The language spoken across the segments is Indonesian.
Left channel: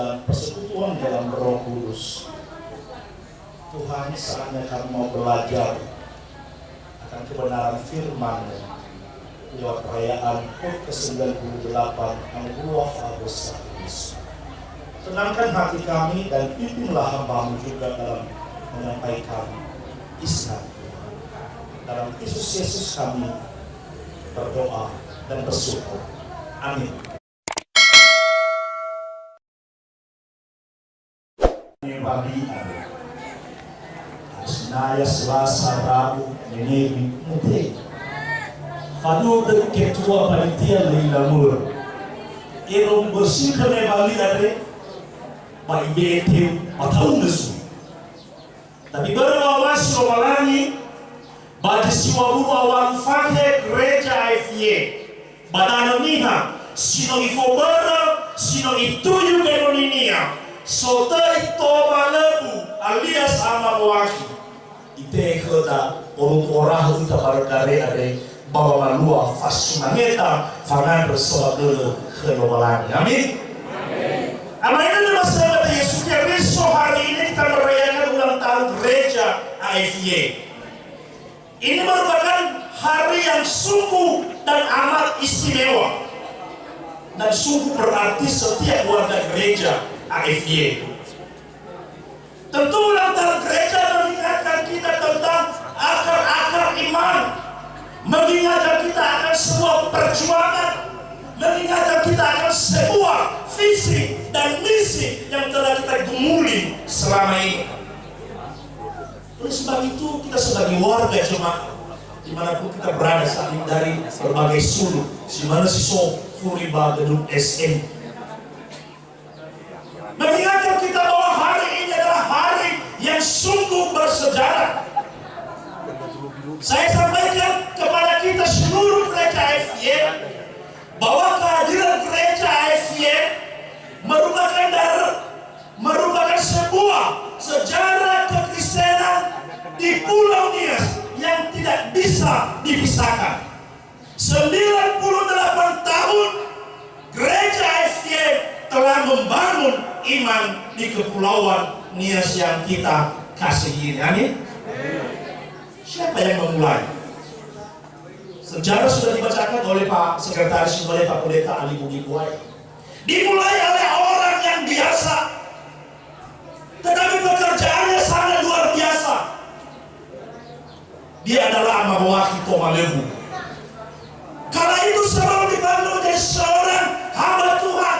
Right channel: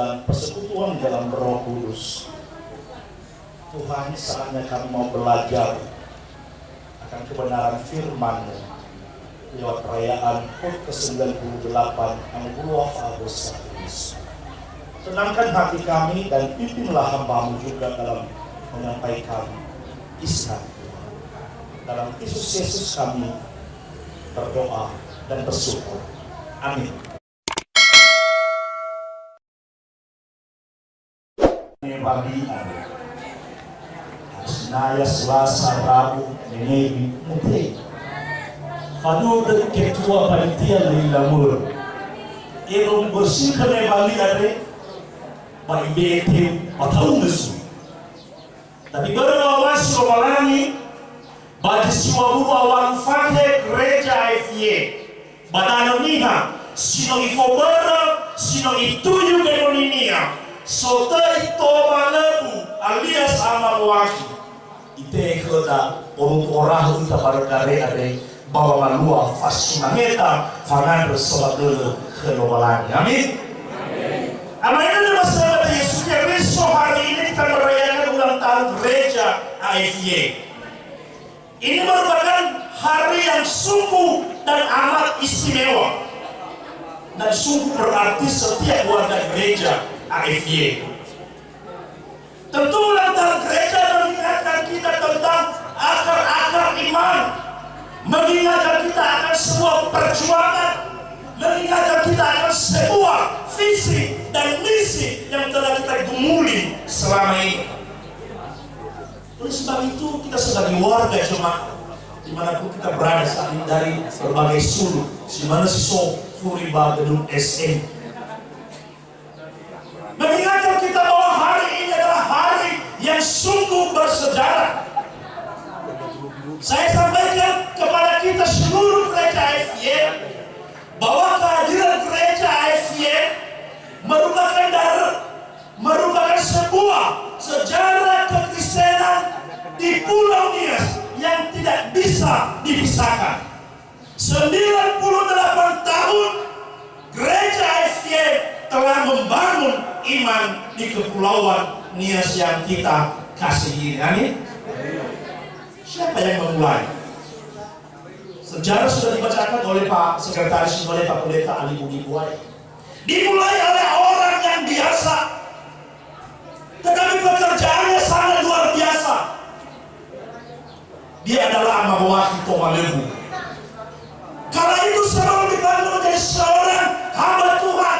dan persekutuan dalam Roh Kudus. Tuhan, saatnya kami mau belajar akan kebenaran firman-Mu lewat perayaan HUT ke-98 Anugerah Agustus. Tenangkan hati kami dan pimpinlah hamba-Mu juga dalam menyampaikan isi hati. Dalam Kristus Yesus kami berdoa dan bersyukur. Amin. Pagi Senaya Selasa Rabu Nenebi Mute Fadu dari ketua panitia dari Lamur Erong bersih kene bali ada Pak IBT Patau Nesu tapi baru awas romalani bagi siwa buru awal fate gereja IFY badana niha sino ifobara sino ituju genoninia sotai toma lebu alias amawaki ite kota orang orang kita barangkali ada bawa malua fasimangeta fangan bersolat kelobalan. Amin. Amin. Ini masalah Yesus Kristus hari ini kita merayakan ulang tahun gereja IFY. Ini merupakan hari yang sungguh dan amat istimewa dan sungguh berarti setiap warga gereja IFY. Tentu ulang tahun gereja mengingatkan kita tentang akar-akar iman, mengingatkan kita akan sebuah perjuangan, mengingatkan kita akan sebuah visi dan misi yang telah kita gumuli selama ini. Oleh sebab itu kita sebagai warga jemaat dimanapun kita berada saat ini dari berbagai sudut, di mana siswa Furiba gedung SM, mengingatkan kita bahwa hari ini adalah hari yang sungguh bersejarah. Saya sampaikan kepada kita seluruh gereja IFY bahwa kehadiran gereja IFY merupakan sebuah sejarah kekristenan di Pulau Nias yang tidak bisa dipisahkan. 98 tahun gereja IFY telah membangun iman di kepulauan Nias yang kita kasihi. Amin. Siapa yang memulai? Sejarah sudah dibacakan oleh Pak Sekretaris, oleh Pak Pendeta Ali Budi Buai. Dimulai oleh orang yang biasa, tetapi pekerjaannya sangat luar biasa. Dia adalah Amawaki Tomalebu. Kala itu sebelum dibangun menjadi seorang hamba Tuhan,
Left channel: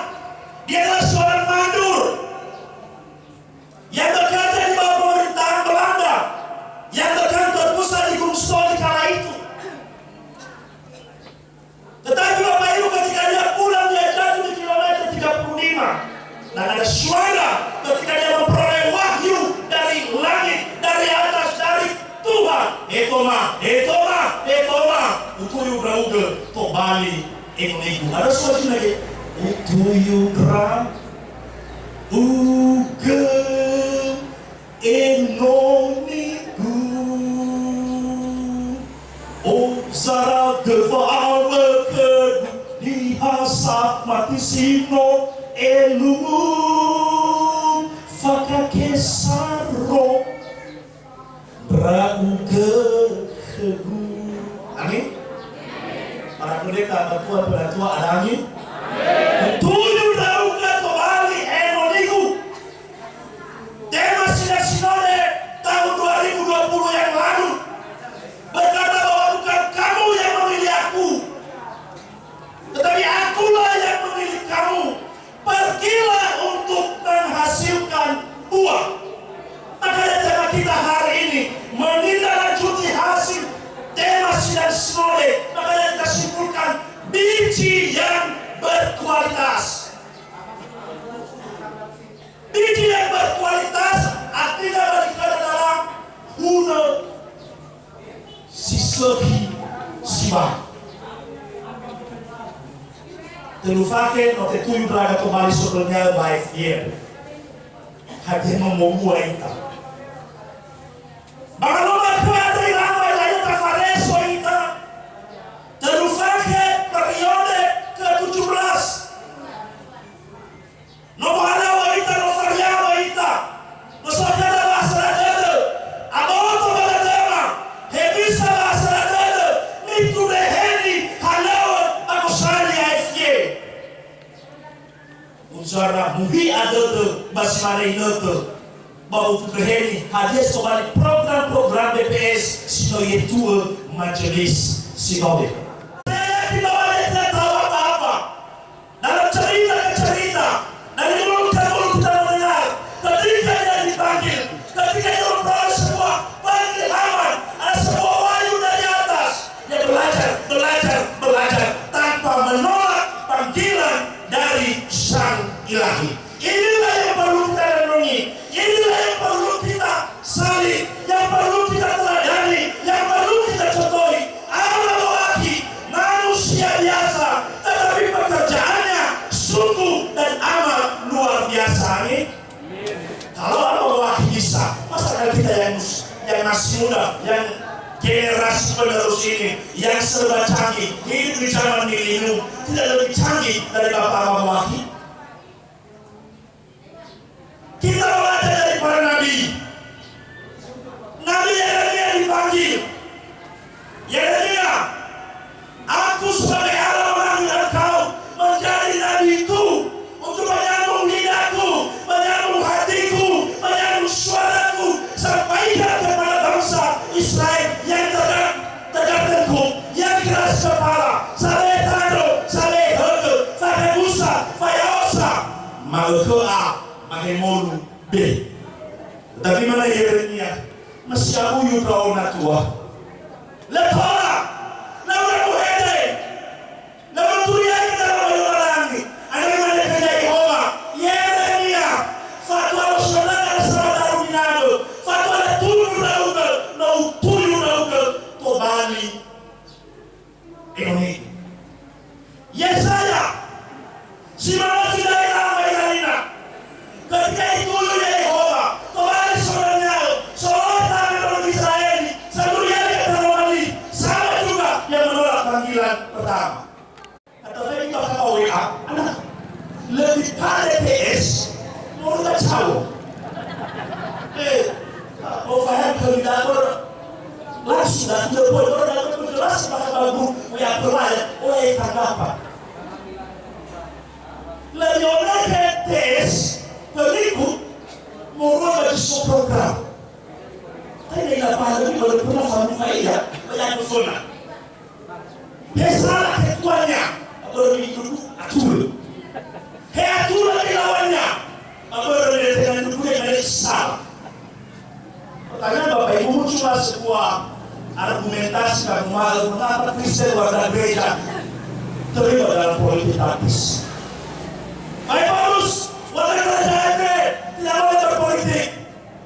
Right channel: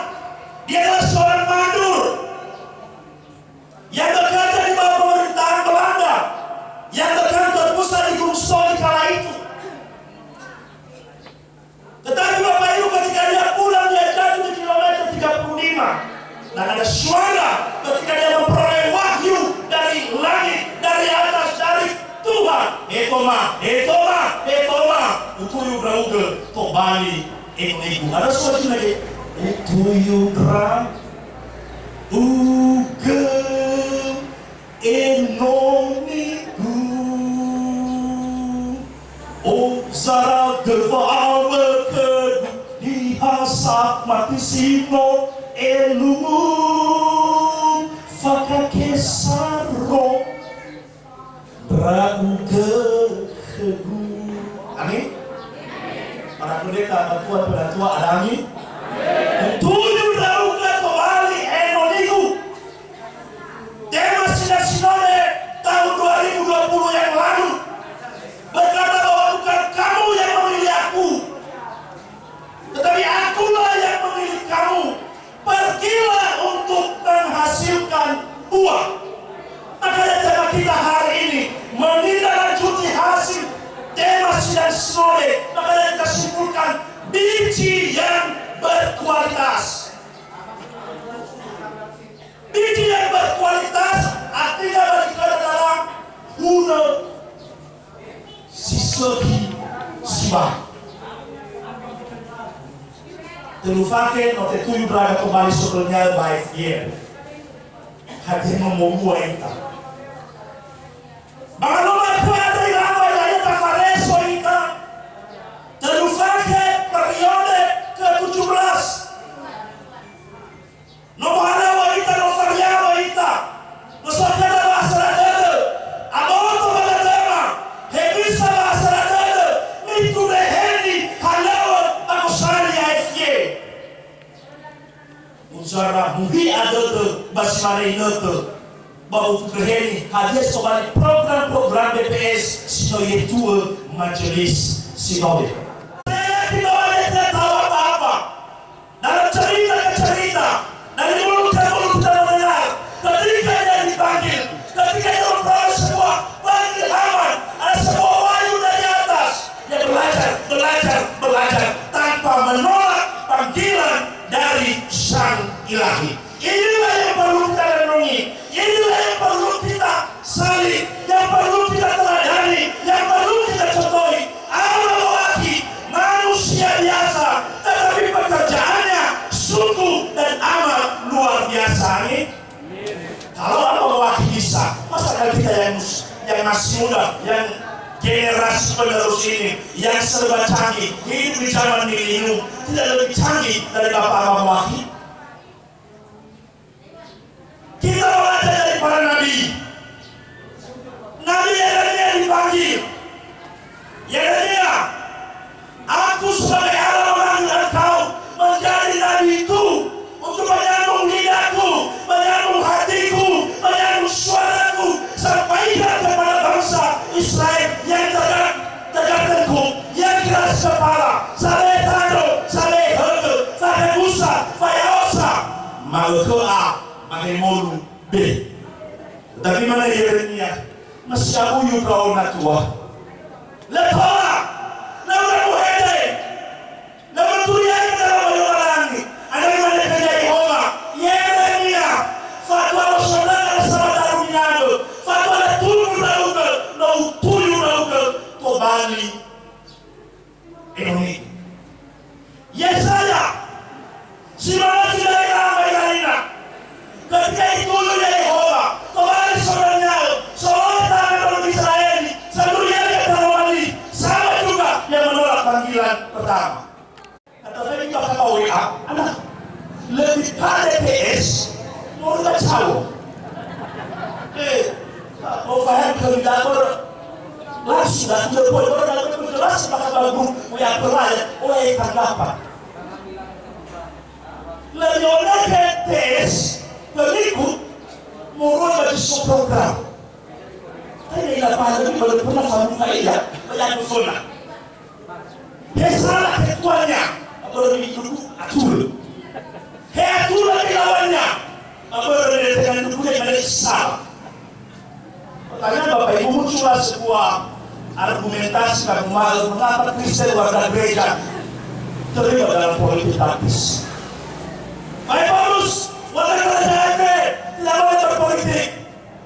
dia adalah seorang mandur yang bekerja di bawah pemerintahan Belanda, yang berkantor pusat di Gunung Stoli kala itu. Tetapi Bapak Ibu ketika dia pulang, dia jatuh di kilometer 35 dan ada suara ketika dia memperoleh wahyu dari langit, dari atas, dari Tuhan. Etoma utuyu brauge to bali enigu. Ada suara lagi. Utuyu brauge uge enonigu. O zara gevawe kedu di hasap mati sino elumu fakakesaro brauge kegu. Amin. Para pendeta, pendatua ada amin. Tujuh brauge to bali enonigu. Tema sidang sinode tahun 2020 yang lalu berkata bahwa bukan kamu yang memilih aku, tetapi akulah yang memilih kamu. Pergilah untuk menghasilkan buah. Makanya tema kita hari ini menindaklanjuti hasil tema sidang sinode. Makanya kita simpulkan biji yang berkualitas. Biji yang berkualitas artinya bagi kita adalah guna sisegi siwa. Telufake no tetuyu braga kembali sebelumnya baik dia. Hati membawa kita. Bahkan nomor kuadri ramai lain tafareso kita. Telufake periode ke-17. Nomor mungkin ada tuh basi mana ini tuh bahwa berhenti hadir soal program-program BPS sino yetua majelis sinode. Saya tidak boleh tahu apa-apa dalam cerita ke cerita dari mulut ke mulut kita mendengar ketika dia dipanggil, ketika dia memperoleh sebuah pengilhaman, ada sebuah wahyu dari atas, dia belajar tanpa menolak panggilan dari Sang Ilahi. Inilah yang perlu kita renungi, inilah yang perlu kita salih, yang perlu kita teladani, yang perlu kita contohi. Allah mewakili manusia biasa, tetapi pekerjaannya sungguh dan amat luar biasa. Nih, kalau Allah mewakili bisa, masa kita yang masih muda, yang generasi penerus ini, yang serba canggih, hidup di zaman milenium, tidak lebih canggih dari Bapak Allah mewakili. Kita belajar dari para nabi. Nabi Yeremia dipanggil. Yeremia, aku sebagai Allah memanggil engkau menjadi nabiku untuk menyambung lidahku, menyambung hatiku, menyambung suaraku, sampaikan kepada bangsa Israel yang tegak tengkuk, yang keras kepala, saleh tado, saleh hege, saleh musa, fayaosa, malkea. Mahemolu B. Tapi mana Yeremia masih abuyu kau natua. Letora, lawan muhede, lawan turian dalam bayulangi. Ada mana kerja Yehova? Yeremia, fatwa saudara sama taruminado, fatwa tulu naukel, nau tulu naukel, tobali. Ekonomi. Yesaya, si mana tidak ramai. Ketika itu Yehova kembali saudaranya, seorang tangan orang Israel, seluruhnya dia terwali, sama juga dia menolak panggilan pertama. Kata saya juga kata WA, anak lebih pada PS, mau nggak tahu? Mau faham kalau tidak langsung dah tidak boleh orang dalam penjelasan bahasa bagus, WA berlayar, WA tanggapan. Lebih orang PS berikut murah bagi sebuah program. Saya tidak paham lagi kalau pernah sama saya banyak persona. Dia salah ketuanya, kalau duduk atur. Dia atur lagi lawannya, kalau dengan duduknya yang ada salah. Pertanyaan Bapak Ibu muncullah sebuah argumentasi mengapa Kristen warga gereja terlibat dalam politik taktis. Baik Paulus, warga kerajaan tidak boleh berpolitik,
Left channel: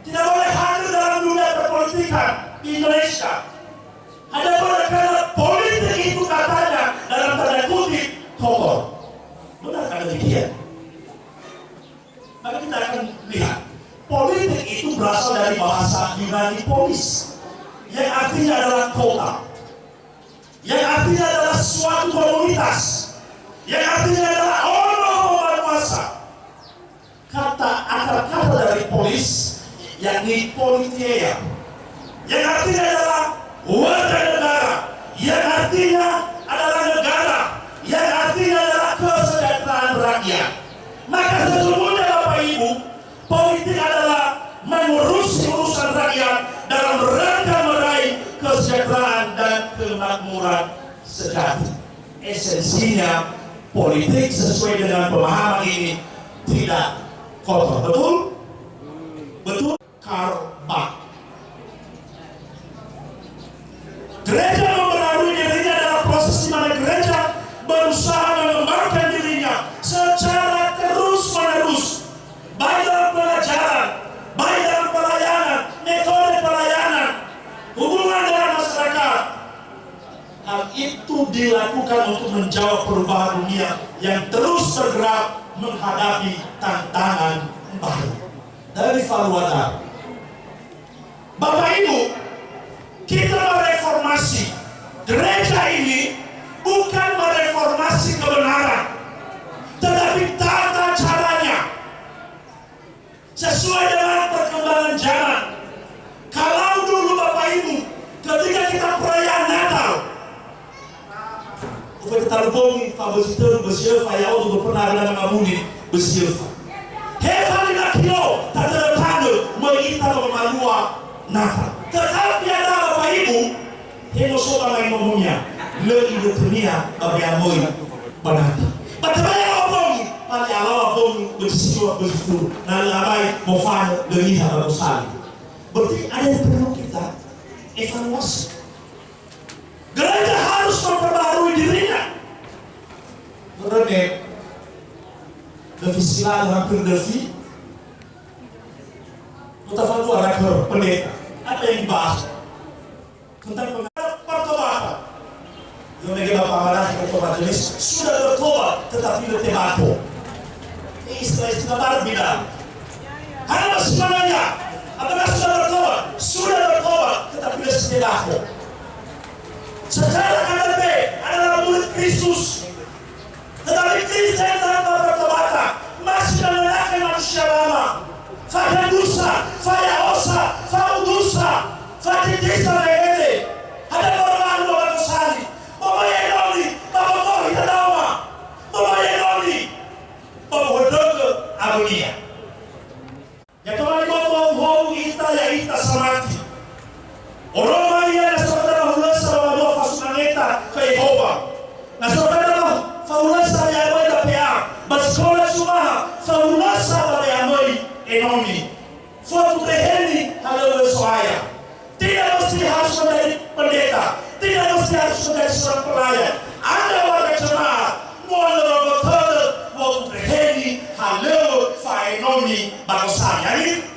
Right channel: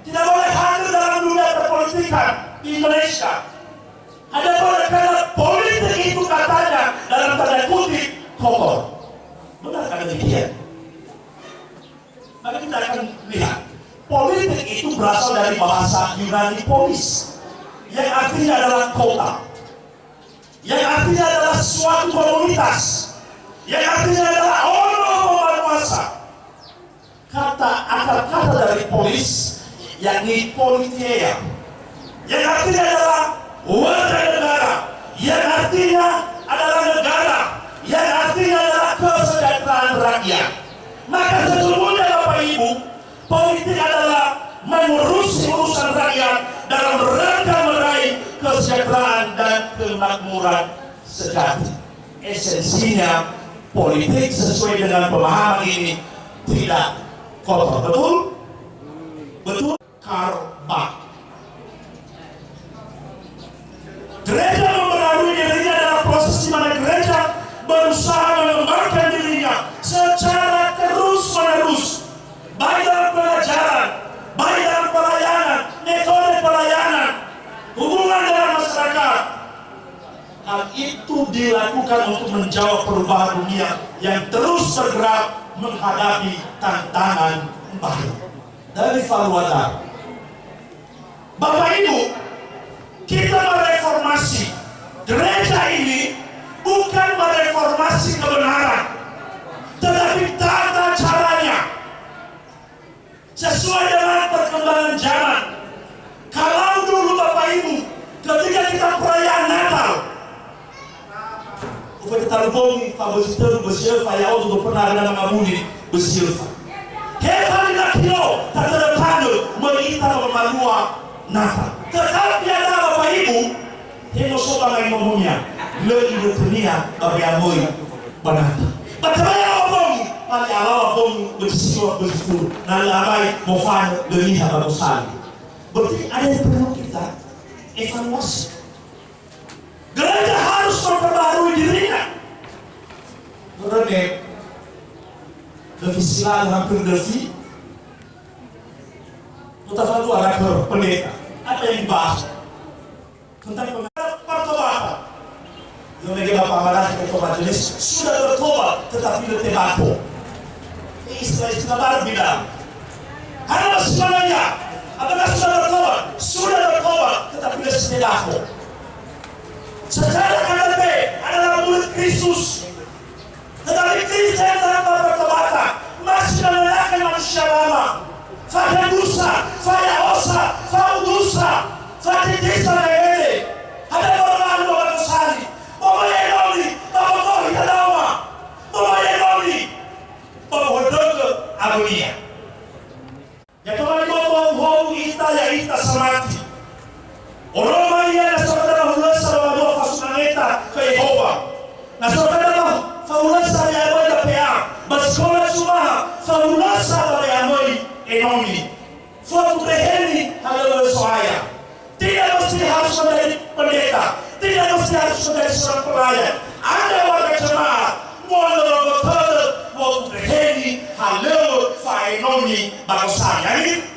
tidak boleh hadir dalam dunia perpolitikan di Indonesia. Ada boleh karena politik itu katanya dalam tanda kutip kotor. Benarkah demikian? Maka kita akan lihat politik itu berasal dari bahasa Yunani polis, yang artinya adalah kota, yang artinya adalah suatu komunitas, yang artinya adalah orang penguasa. Kata akar kata dari polis yakni politia, yang artinya adalah warga negara, yang artinya adalah negara, yang artinya adalah kesejahteraan rakyat. Maka sesungguhnya Bapak Ibu, politik adalah mengurusi urusan rakyat dalam rangka meraih kesejahteraan dan kemakmuran sejati. Esensinya politik sesuai dengan pemahaman ini tidak kotor. Betul? Betul? Karba. Gereja mempengaruhi dirinya dalam proses di mana gereja berusaha mengembangkan dirinya secara terus-menerus, baik dalam pengajaran, baik dalam pelayanan, metode pelayanan, hubungan dengan masyarakat. Hal itu dilakukan untuk menjawab perubahan dunia yang terus bergerak menghadapi tantangan baru. Dari Valuata, Bapak Ibu, kita mereformasi gereja ini bukan mereformasi kebenaran, tetapi tata caranya sesuai dengan perkembangan zaman. Kalau dulu Bapak Ibu, ketika kita perayaan Natal, kita lupa favorisir bersih fayau untuk pernah ada nama muli bersih. tilo, tak terpadu, mengita memalua nata. Tetapi ada Bapak Ibu, hemo soba main ngomongnya, lebih dunia abiamoi banata. Batabaya opong, pali alawa opong bersiwa berfuru, nalamai mofano leliha bagusali. Berarti ada yang perlu kita evaluasi. Gereja harus memperbarui dirinya. Karena defisilado hampir defi, mutafadu anak pendeta. Apa yang dibahas tentang pertobatan? Yang negara pamanah pertobatan jenis sudah bertobat tetapi bertembako. Ini istilah baru bilang. Karena sebenarnya apakah sudah bertobat? Sudah bertobat tetapi bertembako. Secara KDP adalah murid Kristus, tetapi Kristus yang tanpa pertobatan masih menyalahkan manusia lama. Fanya dosa, fanya osa, fanya dosa, fanya desa lele. Ada orang yang berkosali, bawa yenoli, bawa kau tidak lama, bawa yenoli, bawa doa agonia. Ya Tuhan bawa ita ya ita samati. Orang Maria na saudara hulasa wa fasunaneta kwa Yehova. Na saudara faulasa ya moja pea, baskola sumaha faulasa ya moja enomi. Foto reheni halo soaya. Tidak mesti harus menjadi pendeta, tidak mesti harus menjadi seorang pelayan. Anda warga jemaat, mulai betul foto reheni halo fa enomi bagusanya ini.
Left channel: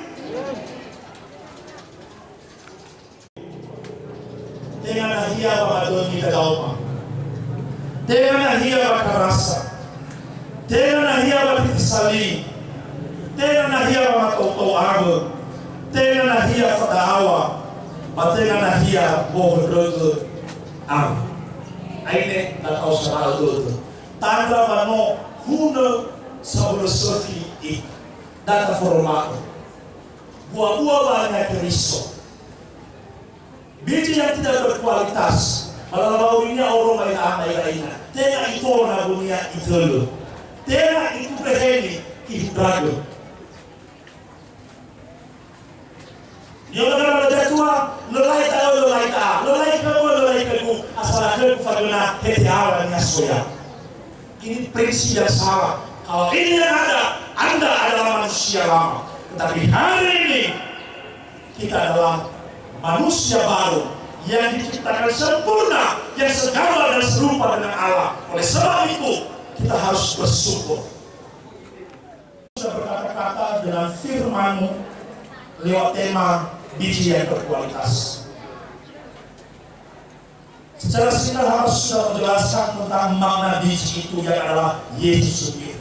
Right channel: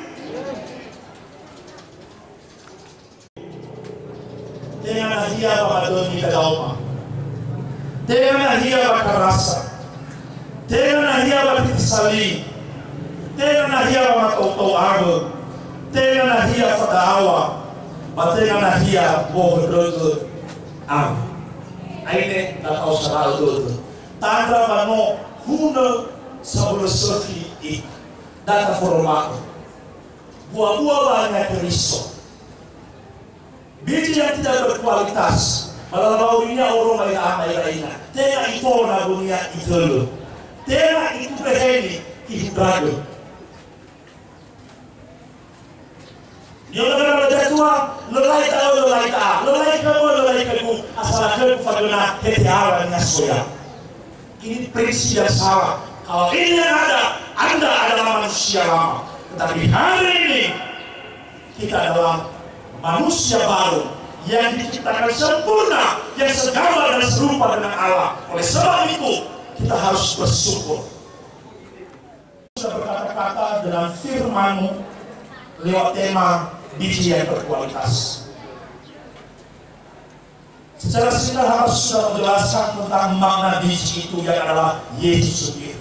Dengan ahia bamadoni kadauma, dengan ahia bakarasa, dengan ahia bakitisali, dengan ahia bamatauago, dengan ahia fadawa, dengan ahia bohrogo am. Aine tak usah itu. Tanda mano huna sabolosofi I data formato. Buah-buah banyak periso. Biji yang tidak berkualitas, malah dunia orang lain. Tengah itu na dunia itu, tengah itu berhenti ibadah. Dia orang berjatuh, lelai kamu, asal aku faguna hetiawa nyasoya. Ini prinsip yang salah. Kalau ini yang ada, Anda adalah manusia lama. Tetapi hari ini kita adalah manusia baru yang diciptakan sempurna, yang segambar dan serupa dengan Allah. Oleh sebab itu kita harus bersyukur. Sudah berkata-kata dengan firman-Mu lewat tema biji yang berkualitas. Secara singkat harus sudah menjelaskan tentang makna biji itu yang adalah Yesus sendiri.